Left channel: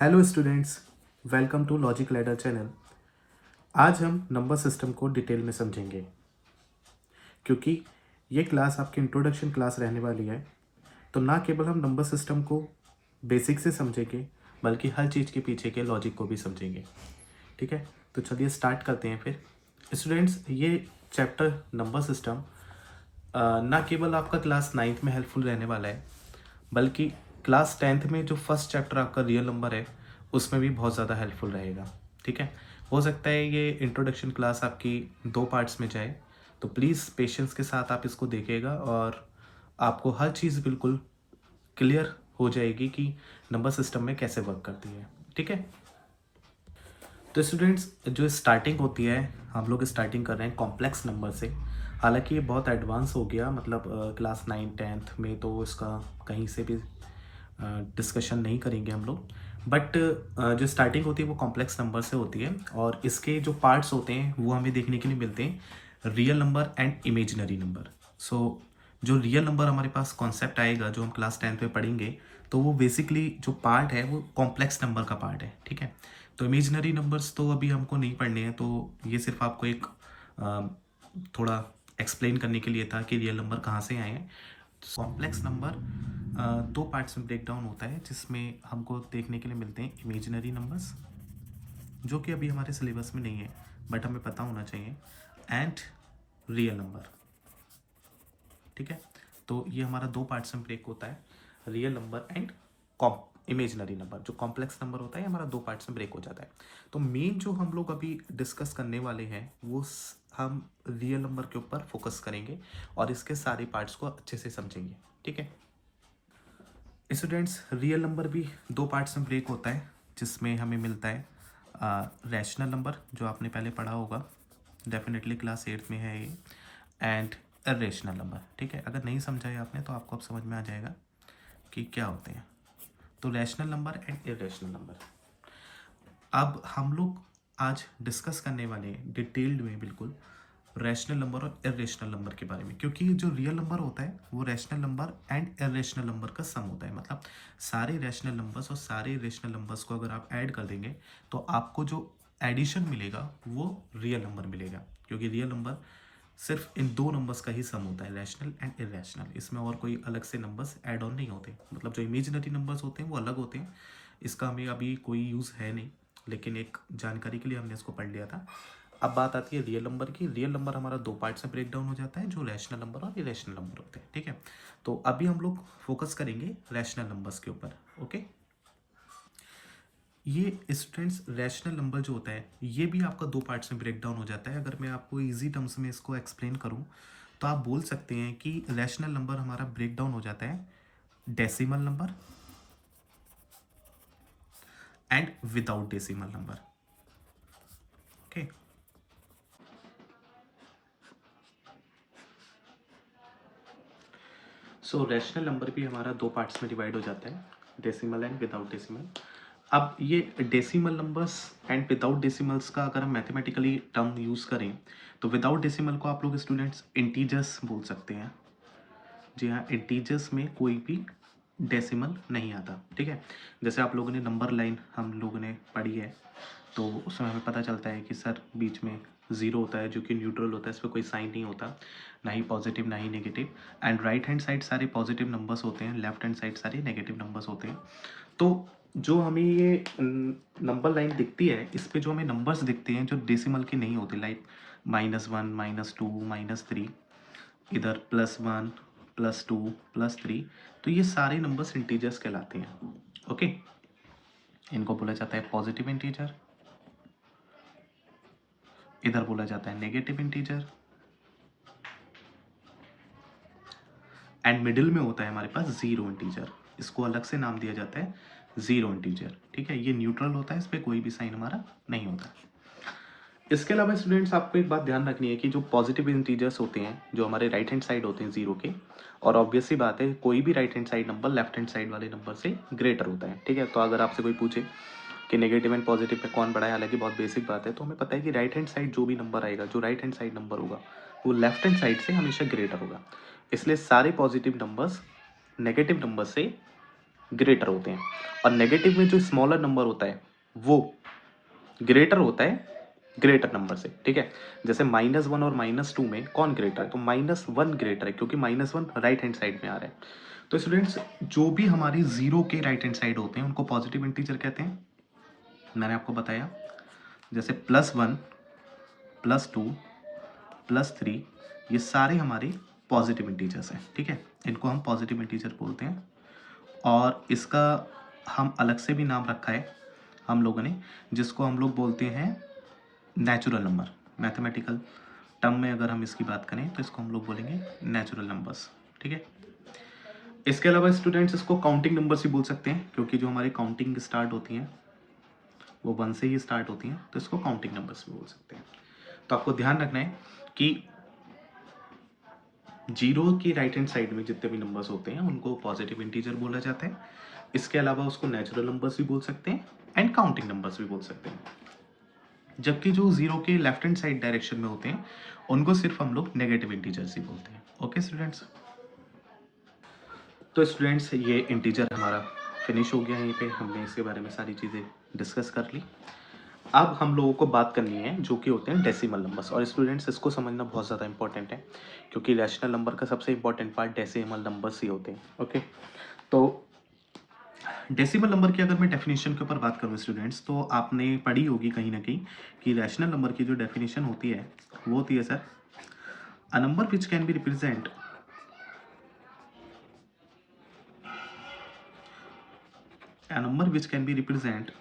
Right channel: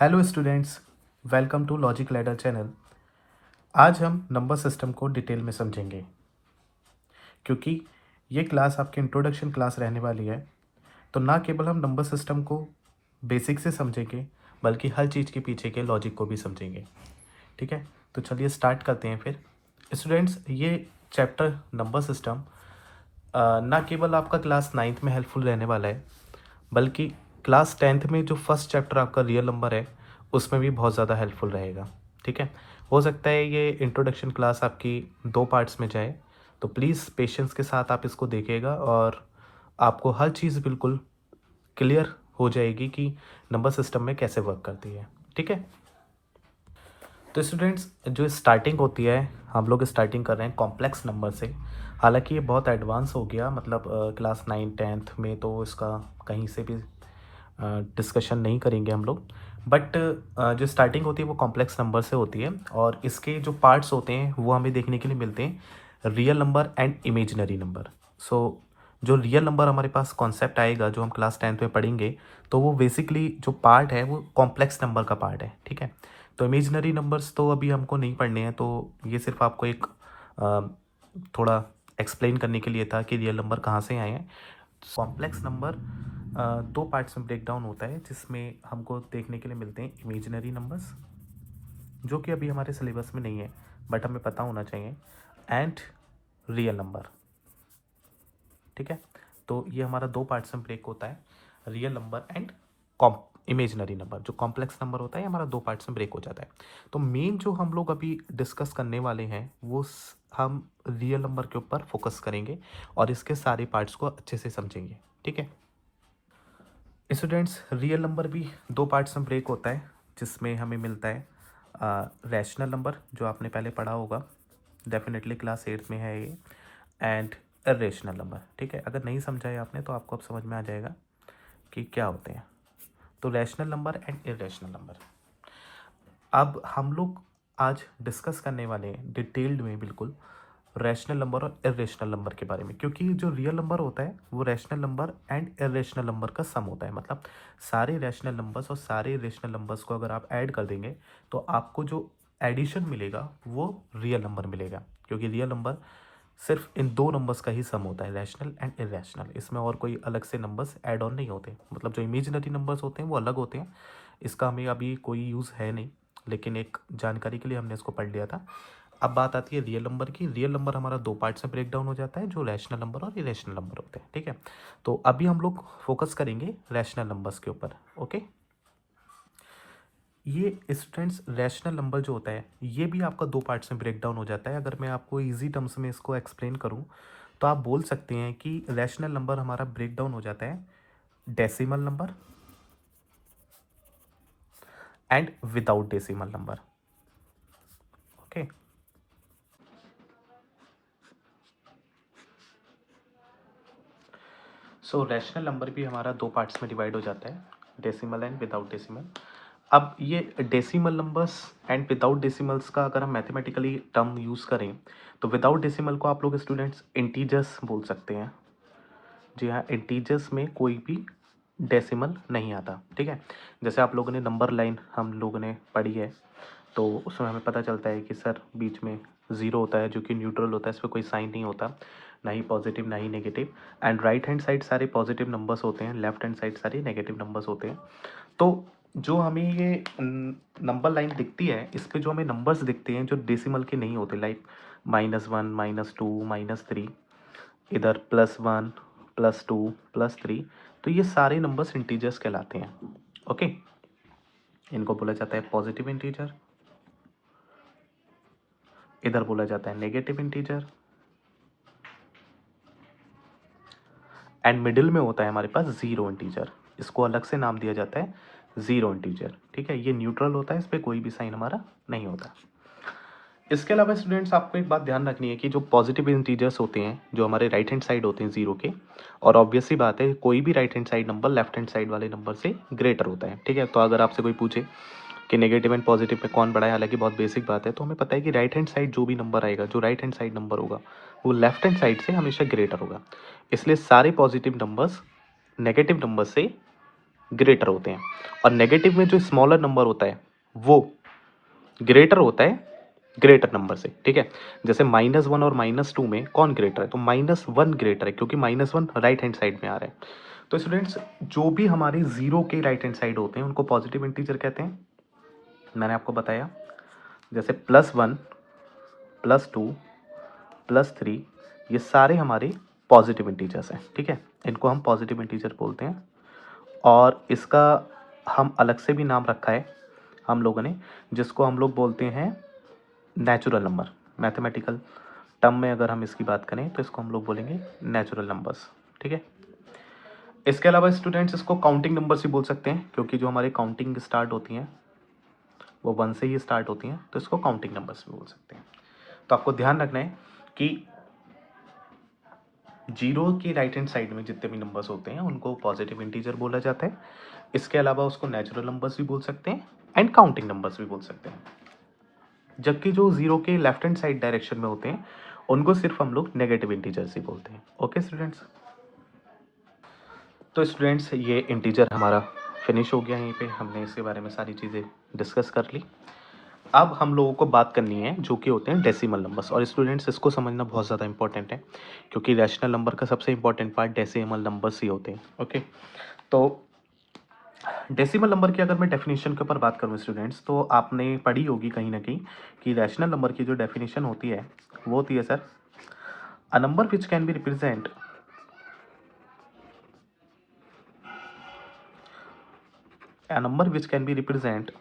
Hello students, welcome to logic ladder channel. आज हम number system को डिटेल में समझेंगे क्योंकि ये क्लास आपकी इंट्रोडक्शन क्लास रहने वाली है। तो ना केवल हम नंबर सिस्टम को बेसिक से समझेंगे बल्कि हर चीज़ के पीछे के लॉजिक को भी समझेंगे। ठीक है, तो चलिए स्टार्ट करते हैं फिर। स्टूडेंट्स, ये चैप्टर नंबर सिस्टम ना केवल आपका क्लास नाइन्थ में हेल्पफुल रहने वाला है बल्कि क्लास टेंथ में जो फर्स्ट चैप्टर आपका रियल नंबर है उसमें भी बहुत ज़्यादा हेल्पफुल रहेगा। ठीक है, हो सकता है ये इंट्रोडक्शन क्लास आपकी 2 पार्ट्स में जाए, तो प्लीज़ पेशेंस के साथ आप इसको देखिएगा और आपको हर चीज़ बिल्कुल क्लियर हो जाएगी कि नंबर सिस्टम में कैसे वर्क करती है। ठीक है, तो स्टूडेंट्स, जो स्टार्टिंग होती है हम लोग स्टार्टिंग कर रहे हैं कॉम्प्लेक्स नंबर से। हालांकि ये बहुत एडवांस हो गया, मतलब क्लास 9 10th में तो इसका कहीं से भी डिस्कशन नहीं करेंगे हम लोग। बट जो स्टार्टिंग होती है वो कॉम्प्लेक्स नंबर से होती है और इसके जो पार्ट्स होते हैं वो हमें देखने के लिए मिलते हैं real number and imaginary number. So जो रियल नंबर हमारे पास कॉन्सेप्ट आएगा जो हम क्लास 10th में पढ़ेंगे, तो वो बेसिकली जो पार्ट है वो कॉम्प्लेक्स नंबर का पार्ट है। ठीक है, तो इमेजिनरी नंबर्स तो अभी हमको नहीं पढ़ने हैं, तो ये सिर्फ आपको एक अ, थोड़ा एक्सप्लेन करने के लिए था कि रियल नंबर कहाँ से आए हैं। कॉम्प्लेक्स नंबर 2 पार्ट्स में ब्रेक डाउन होता है जिसमें हमको देखने के लिए मिलते हैं इमेजिनरी नंबर्स, जो कि अभी हमारे सिलेबस में नहीं है बट हमें पता होना चाहिए, एंड रियल नंबर। ठीक है, तो ये हमारा 2 पार्ट्स में ब्रेक होता है, real number and imaginary number. जो कॉम्प्लेक्स नंबर होता है हमारा 2 पार्ट्स में ब्रेक हो जाता है। तो मेन जो हम लोग अभी डिस्कस करने वाले हैं वो हम रियल नंबर के ऊपर फोकस करेंगे और इसके सारे पार्ट्स को अच्छे से समझेंगे। ठीक है स्टूडेंट्स, रियल नंबर भी 2 पार्ट्स में ब्रेक होता है जिसमें हमें मिलता है रैशनल नंबर, जो आपने पहले पढ़ा होगा, डेफिनेटली क्लास 8 में है ये, एंड इरेशनल नंबर। ठीक है, अगर नहीं समझा है आपने तो आपको अब समझ में आ जाएगा कि क्या होते हैं। तो rational number and irrational number अब हम लोग आज डिस्कस करने वाले हैं डिटेल्ड में बिल्कुल रैशनल नंबर और इरेशनल नंबर के बारे में, क्योंकि जो रियल नंबर होता है वो rational number and irrational number का सम होता है। मतलब सारे रैशनल नंबर्स और सारे इरेशनल नंबर्स को अगर आप ऐड कर देंगे तो आपको जो एडिशन मिलेगा वो रियल नंबर मिलेगा, क्योंकि रियल नंबर सिर्फ इन 2 नंबर्स का ही सम होता है, रैशनल एंड इरेशनल। इसमें और कोई अलग से नंबर्स ऐड ऑन नहीं होते। मतलब जो इमेजिनरी नंबर्स होते हैं वो अलग होते हैं, इसका हमें अभी कोई यूज़ है नहीं, लेकिन एक जानकारी के लिए हमने इसको पढ़ लिया था। अब बात आती है रियल नंबर की। रियल नंबर हमारा 2 पार्ट्स में ब्रेक डाउन हो जाता है, जो रैशनल नंबर और इरेशनल नंबर होते हैं। ठीक है, तो अभी हम लोग फोकस करेंगे रैशनल नंबर्स के ऊपर। ओके, ये स्टूडेंट्स रैशनल नंबर जो होता है ये भी आपका 2 पार्ट्स में ब्रेक डाउन हो जाता है। अगर मैं आपको इजी टर्म्स में इसको एक्सप्लेन करूं तो आप बोल सकते हैं कि रैशनल नंबर हमारा ब्रेक डाउन हो जाता है decimal number and without decimal number. Okay, so rational number भी हमारा 2 पार्ट्स में डिवाइड हो जाता है, डेसिमल एंड विदाउट डेसिमल। अब ये decimal numbers and without decimals का अगर हम मैथमेटिकली टर्म यूज़ करें तो विदाउट डेसिमल को आप लोग स्टूडेंट्स इंटीजर्स बोल सकते हैं। जी हाँ, इंटीजर्स में कोई भी डेसिमल नहीं आता। ठीक है, जैसे आप लोगों ने नंबर लाइन हम लोगों ने पढ़ी है, तो उसमें हमें पता चलता है कि सर बीच में ज़ीरो होता है जो कि न्यूट्रल होता है, इसमें कोई साइन नहीं होता, ना ही पॉजिटिव ना ही negative. And right hand side सारे पॉजिटिव नंबर्स होते हैं, लेफ्ट हैंड साइड सारे नेगेटिव नंबर्स होते हैं। तो जो हमें ये नंबर लाइन दिखती है इस पे जो हमें नंबर्स दिखते हैं जो डेसिमल के नहीं होते, लाइक -1 -2 -3, इधर +1 +2 +3, तो ये सारे नंबर्स इंटीजर्स कहलाते हैं। ओके, इनको बोला जाता है पॉजिटिव इंटीजर, इधर बोला जाता है नेगेटिव इंटीजर, एंड मिडिल में होता है हमारे पास जीरो इंटीजर। इसको अलग से नाम दिया जाता है जीरो इंटीजर। ठीक है, ये न्यूट्रल होता है, इस पर कोई भी साइन हमारा नहीं होता। इसके अलावा स्टूडेंट्स आपको एक बात ध्यान रखनी है कि जो पॉजिटिव इंटीजर्स होते हैं जो हमारे राइट हैंड साइड होते हैं जीरो के, और ऑब्वियस सी बात है कोई भी right hand side number left hand side वाले नंबर से ग्रेटर होता है। ठीक है, तो अगर आपसे कोई पूछे कि नेगेटिव एंड पॉजिटिव पे कौन बड़ा है, हालांकि बहुत बेसिक बात है, तो हमें पता है कि राइट हैंड साइड जो भी नंबर आएगा, जो राइट हैंड साइड नंबर होगा वो लेफ्ट हैंड साइड से हमेशा ग्रेटर होगा। इसलिए सारे पॉजिटिव नंबर्स नेगेटिव नंबर से ग्रेटर होते हैं, और नेगेटिव में जो स्मॉलर नंबर होता है वो ग्रेटर होता है ग्रेटर नंबर से, ठीक है। जैसे -1 और -2 में कौन ग्रेटर है, तो -1 ग्रेटर है, क्योंकि -1 राइट हैंड साइड में आ रहा है। तो स्टूडेंट्स, जो भी हमारे जीरो के राइट हैंड साइड होते हैं उनको पॉजिटिव इंटीजर कहते हैं, मैंने आपको बताया। जैसे +1, +2, +3, ये सारे हमारे पॉजिटिव इंटीजर्स हैं, ठीक है। इनको हम पॉजिटिव इंटीजर बोलते हैं, और इसका हम अलग से भी नाम रखा है हम लोगों ने, जिसको हम लोग बोलते हैं नेचुरल नंबर। मैथमेटिकल टर्म में अगर हम इसकी बात करें तो इसको हम लोग बोलेंगे नेचुरल नंबर्स, ठीक है। इसके अलावा स्टूडेंट्स, इसको काउंटिंग नंबर्स भी बोल सकते हैं, क्योंकि जो हमारे काउंटिंग स्टार्ट होती हैं वो 1 से ही स्टार्ट होती हैं, तो इसको काउंटिंग नंबर्स भी बोल सकते हैं। तो आपको ध्यान रखना है कि जीरो की राइट हैंड साइड में जितने भी नंबर्स होते हैं उनको पॉजिटिव इंटीजर बोला जाता है। इसके अलावा उसको नेचुरल नंबर्स भी बोल सकते हैं एंड काउंटिंग नंबर्स भी बोल सकते हैं। जबकि जो जीरो के लेफ्ट हैंड साइड डायरेक्शन में होते हैं उनको सिर्फ हम लोग नेगेटिव इंटीजर्स ही बोलते हैं। ओके स्टूडेंट्स, तो स्टूडेंट्स ये इंटीजर हमारा फिनिश हो गया। यहीं पे हमने इसके बारे में सारी चीज़ें डिस्कस कर ली। अब हम लोगों को बात करनी है जो कि होते हैं डेसिमल नंबर्स, और स्टूडेंट्स इसको समझना बहुत ज़्यादा इंपॉर्टेंट है, क्योंकि रैशनल नंबर का सबसे इंपॉर्टेंट पार्ट डेसिमल नंबर्स ही होते हैं। ओके, तो डेसिमल नंबर की अगर मैं डेफिनेशन के ऊपर बात करूँ स्टूडेंट्स, तो आपने पढ़ी होगी कहीं ना कहीं कि रैशनल नंबर की जो डेफिनेशन होती है वो होती है sir, a number which can be represent a number which can be represented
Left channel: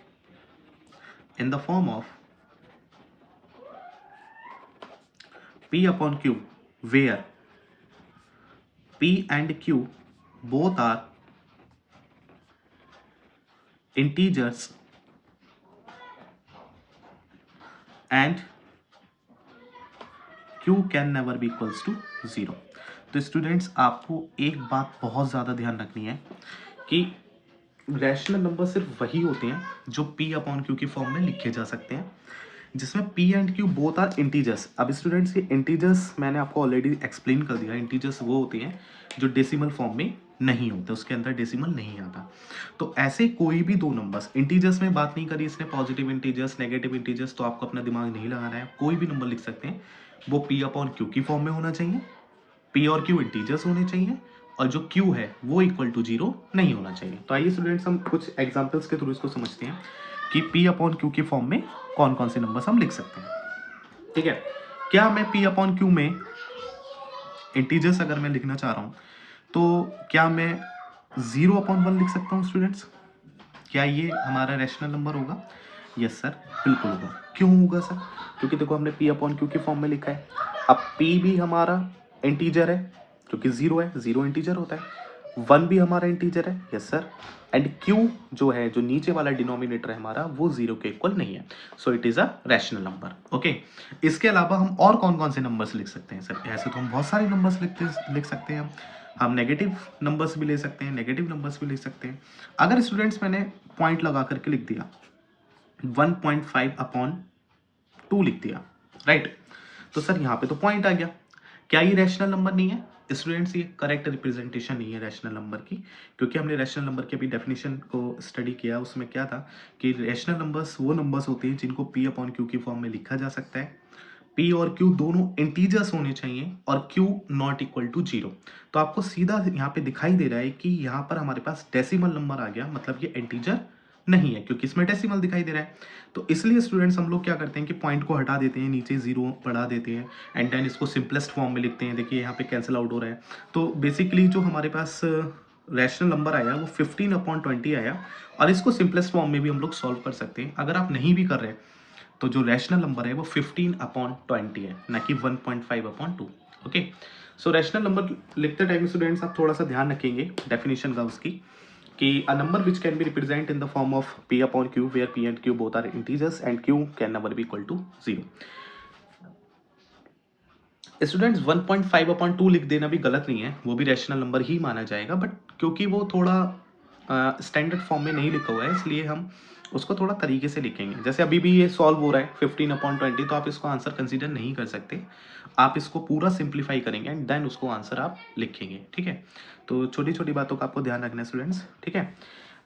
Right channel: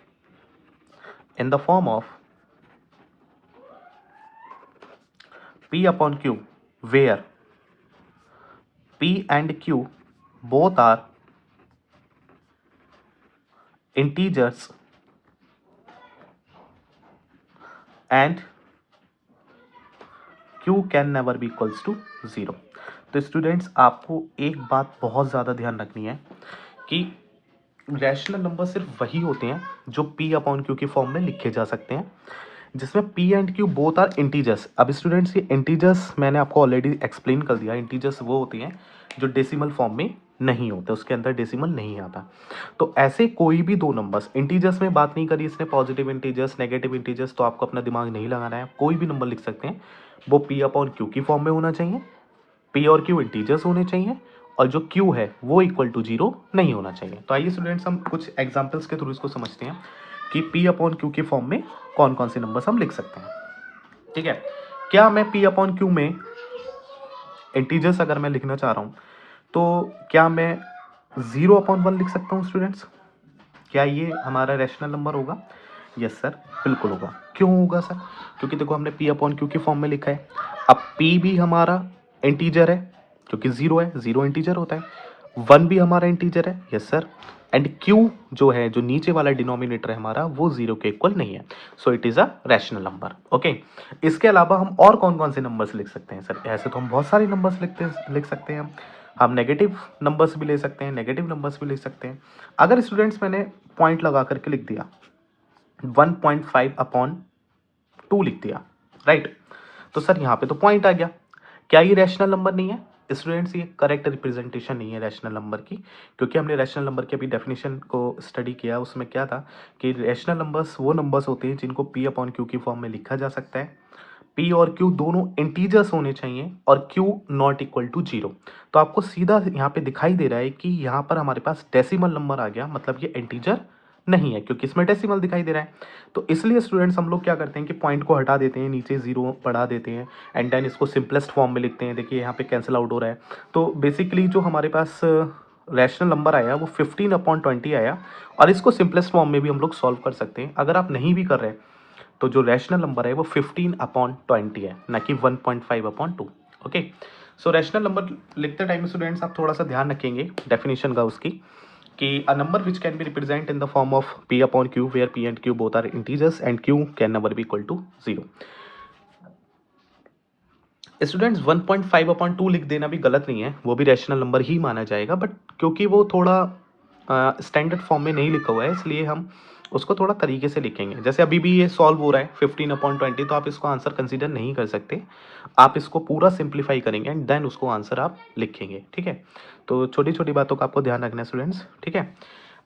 in the form of p upon q, where p and q both are integers and q can never be equals to 0। तो students, आपको एक बात बहुत ज़्यादा ध्यान रखनी है कि रैशनल नंबर सिर्फ वही होते हैं जो p अपॉन q की फॉर्म में लिखे जा सकते हैं, जिसमें p and q both are integers. अब स्टूडेंट्स, ये इंटीजर्स मैंने आपको ऑलरेडी एक्सप्लेन कर दिया। इंटीजर्स वो होते हैं जो डेसिमल फॉर्म में नहीं होते, उसके अंदर डेसिमल नहीं आता। तो ऐसे कोई भी दो नंबर्स, इंटीजर्स में बात नहीं करी इसने, पॉजिटिव इंटीजर्स, नेगेटिव इंटीजर्स, तो आपको अपना दिमाग नहीं लगाना है। कोई भी नंबर लिख सकते हैं, वो p अपॉन q की फॉर्म में होना चाहिए, p और q इंटीजर्स होने चाहिए, और जो q है वो इक्वल टू 0 नहीं होना चाहिए। तो आइए स्टूडेंट्स, हम कुछ एग्जांपल्स के थ्रू इसको समझते हैं कि p अपॉन q की फॉर्म में कौन कौन से नंबर्स हम लिख सकते हैं, ठीक है। क्या मैं p अपॉन q में इंटीजर्स अगर मैं लिखना चाह रहा हूँ, तो क्या मैं 0/1 लिख सकता हूँ स्टूडेंट्स? क्या ये हमारा रैशनल नंबर होगा? यस सर, बिल्कुल होगा। क्यों होगा सर? क्योंकि देखो हमने p अपॉन q की फॉर्म में लिखा है। अब p भी हमारा इंटीजर है, क्योंकि 0 है, 0 इंटीजर होता है। 1 भी हमारा इंटीजर है, यस सर। एंड q जो है, जो नीचे वाला डिनोमिनेटर है हमारा, वो 0 के इक्वल नहीं है, so it is a rational number. Okay, इसके अलावा हम और कौन कौन से नंबर्स लिख सकते हैं सर? ऐसे तो हम बहुत सारे नंबर्स लिख सकते हैं। हम नेगेटिव नंबर्स भी ले सकते हैं, नेगेटिव नंबर्स भी ले सकते हैं। अगर स्टूडेंट्स मैंने पॉइंट लगा करके लिख दिया 1.5/2 लिख दिया, राइट, तो सर यहाँ पे तो पॉइंट आ गया। क्या ये रैशनल नंबर नहीं है स्टूडेंट्स? ये करेक्ट रिप्रेजेंटेशन नहीं है रैशनल नंबर की, क्योंकि हमने रैशनल नंबर की अभी डेफिनेशन को स्टडी किया। उसमें क्या था कि रैशनल नंबर्स वो नंबर्स होते हैं जिनको p अपॉन q की फॉर्म में लिखा जा सकता है। p और q दोनों इंटीजर्स होने चाहिए, और q नॉट इक्वल टू 0। तो आपको सीधा यहाँ पे दिखाई दे रहा है कि यहाँ पर हमारे पास डेसिमल नंबर आ गया, मतलब ये इंटीजर नहीं है, क्योंकि इसमें डेसिमल दिखाई दे रहा है। तो इसलिए स्टूडेंट्स, हम लोग क्या करते हैं कि पॉइंट को हटा देते हैं, नीचे 0 बढ़ा देते हैं, एंड देन इसको सिंपलेस्ट फॉर्म में लिखते हैं। देखिए यहाँ पे कैंसिल आउट हो रहा है। तो बेसिकली जो हमारे पास रैशनल नंबर आया वो 15/20 आया, और इसको सिंपलेस्ट फॉर्म में भी हम लोग सॉल्व कर सकते हैं। अगर आप नहीं भी कर रहे, तो जो रैशनल नंबर है वो 15/20 है, ना कि 1.5/2। ओके, सो रैशनल नंबर लिखते टाइम स्टूडेंट्स आप थोड़ा सा ध्यान रखेंगे डेफिनेशन का उसकी, कि a number which can be represent in the form of p upon q, where p and q both are integers and q can never be equal to 0। Students, 1.5/2 लिख देना भी गलत नहीं है, वो भी रैशनल नंबर ही माना जाएगा, बट क्योंकि वो थोड़ा स्टैंडर्ड फॉर्म में नहीं लिखा हुआ है, इसलिए हम उसको थोड़ा तरीके से लिखेंगे। जैसे अभी भी ये सॉल्व हो रहा है 15/20, तो आप इसको आंसर कंसीडर नहीं कर सकते। आप इसको पूरा सिंप्लीफाई करेंगे एंड देन उसको आंसर आप लिखेंगे, ठीक है। तो छोटी छोटी बातों का आपको ध्यान रखना है स्टूडेंट्स, ठीक है।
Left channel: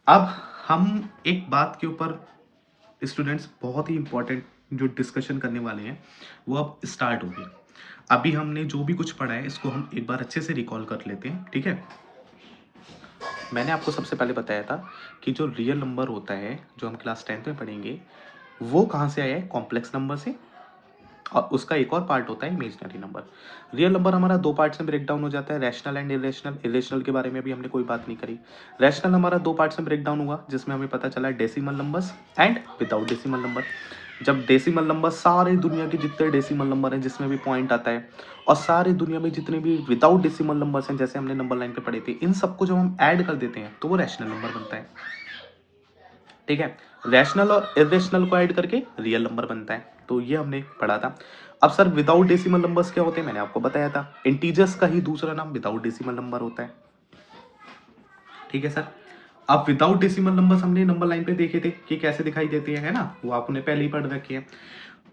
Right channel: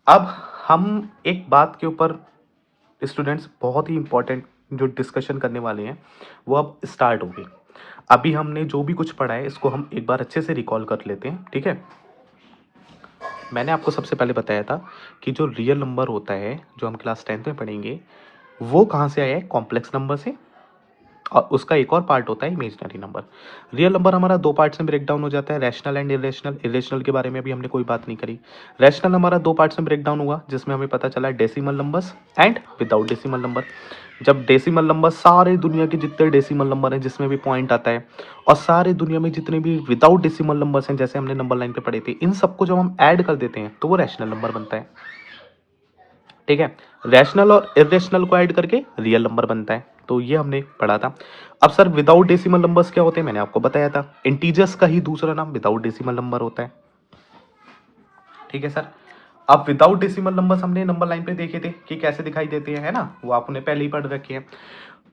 अब हम एक बात के ऊपर स्टूडेंट्स बहुत ही इंपॉर्टेंट जो डिस्कशन करने वाले हैं वो अब स्टार्ट होगी। अभी हमने जो भी कुछ पढ़ा है इसको हम एक बार अच्छे से रिकॉल कर लेते हैं, ठीक है। मैंने आपको सबसे पहले बताया था कि जो रियल नंबर होता है जो हम क्लास 10th में पढ़ेंगे वो कहाँ से आया है, कॉम्प्लेक्स नंबर से, और उसका एक और पार्ट होता है इमेजिनरी नंबर। रियल नंबर हमारा दो पार्ट्स में ब्रेक डाउन हो जाता है, रैशनल एंड इरेशनल। इरेशनल के बारे में भी हमने कोई बात नहीं करी। रैशनल हमारा दो पार्ट्स में ब्रेक डाउन हुआ जिसमें हमें पता चला decimal numbers and without decimal number. जब डेसिमल नंबर सारे दुनिया के जितने डेसिमल नंबर हैं जिसमें भी पॉइंट आता है, और सारे दुनिया में जितने भी विदाउट डेसिमल नंबर्स हैं जैसे हमने नंबर लाइन पे पढ़े थे, इन सबको जब हम ऐड कर देते हैं तो वो रैशनल नंबर बनता है, ठीक है। रैशनल और इरेशनल को ऐड करके रियल नंबर बनता है, तो ये हमने पढ़ा था। अब सर विदाउट डेसिमल नंबर्स क्या होते हैं, मैंने आपको बताया था, इंटीजर्स का ही दूसरा नाम विदाउट डेसिमल नंबर होता है, ठीक है सर। अब विदाउट डेसिमल नंबर्स हमने नंबर लाइन पे देखे थे कि कैसे दिखाई देते हैं, है ना, वो आपने पहले ही पढ़ रखे हैं।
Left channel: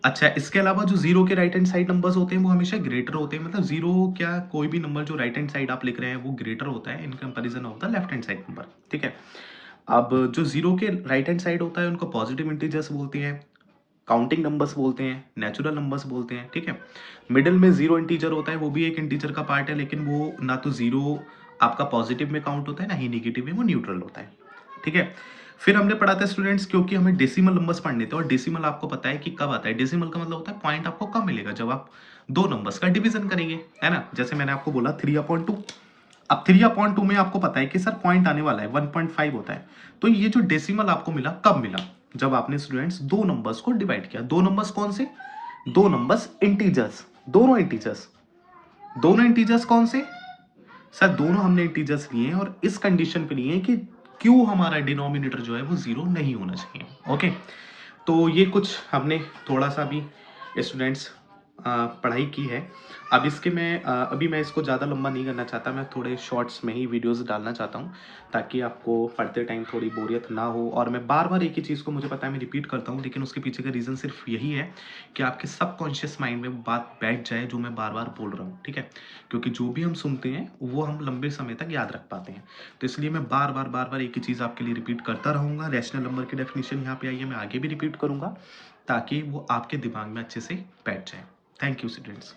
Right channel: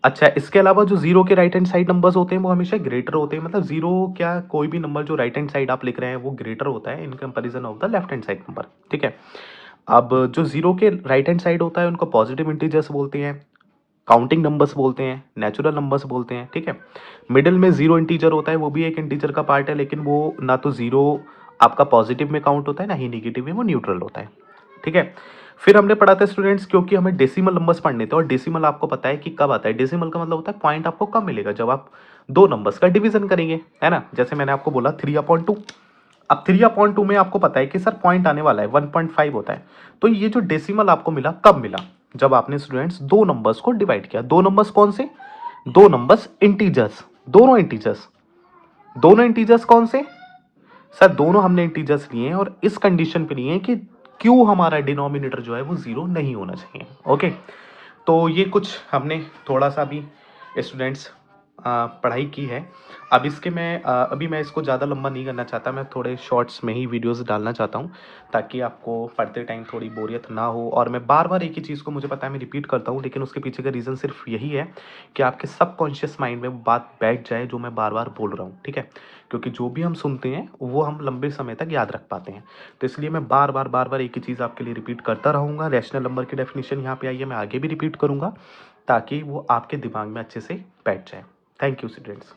अच्छा, इसके अलावा जो जीरो के राइट हैंड साइड नंबर्स होते हैं वो हमेशा ग्रेटर होते हैं, मतलब जीरो क्या, कोई भी नंबर जो राइट हैंड साइड आप लिख रहे हैं वो ग्रेटर होता है in comparison of the left hand side number, ठीक है। अब जो जीरो के राइट हैंड साइड होता है उनको पॉजिटिव इंटीजर्स बोलते हैं, काउंटिंग नंबर्स बोलते हैं, नेचुरल नंबर्स बोलते हैं, ठीक है। मिडिल में जीरो इंटीजर होता है, वो भी एक इंटीजर का पार्ट है, लेकिन वो ना तो जीरो आपका पॉजिटिव में काउंट होता है ना ही निगेटिव में, वो न्यूट्रल होता है, ठीक है। फिर हमने पढ़ा था स्टूडेंट्स, क्योंकि हमें डेसिमल नंबर्स पढ़ने थे, और डेसिमल आपको पता है कि कब आता है, डेसिमल का मतलब होता है पॉइंट आपको कब मिलेगा, जब आप दो नंबर्स का डिवीजन करेंगे, है ना। जैसे मैंने आपको बोला 3/2। अब 3/2 में आपको पता है कि सर पॉइंट आने वाला है 1.5 होता है। तो ये जो डेसिमल आपको मिला कब मिला, जब आपने स्टूडेंट्स दो नंबर्स को डिवाइड किया। दो नंबर्स कौन से, दो नंबर्स इंटीजर्स, दोनों इंटीजर्स, दोनों इंटीजर्स कौन से, सर दोनों हमने इंटीजर्स लिए हैं और इस कंडीशन पे लिए हैं कि क्यों हमारा डिनोमिनेटर जो है वो जीरो नहीं होना चाहिए, ओके। तो ये कुछ हमने थोड़ा सा भी स्टूडेंट्स पढ़ाई की है। अब इसके मैं अभी मैं इसको ज़्यादा लंबा नहीं करना चाहता, मैं थोड़े शॉर्ट्स में ही वीडियोस डालना चाहता हूँ ताकि आपको पढ़ते टाइम थोड़ी बोरियत ना हो। और मैं बार बार एक ही चीज़ को, मुझे पता है मैं रिपीट करता हूँ, लेकिन उसके पीछे का रीज़न सिर्फ यही है कि आपके सबकॉन्शियस माइंड में वो बात बैठ जाए जो मैं बार बार बोल रहा हूँ, ठीक है। क्योंकि जो भी हम सुनते हैं वो हम लंबे समय तक याद रख पाते हैं, तो इसलिए मैं बार बार एक ही चीज़ आपके लिए रिपीट करता रहूँगा। रैशनल नंबर की डेफिनेशन यहाँ पे आई है, मैं आगे भी रिपीट करूँगा ताकि वो आपके दिमाग में अच्छे से बैठ जाए। Thank you students.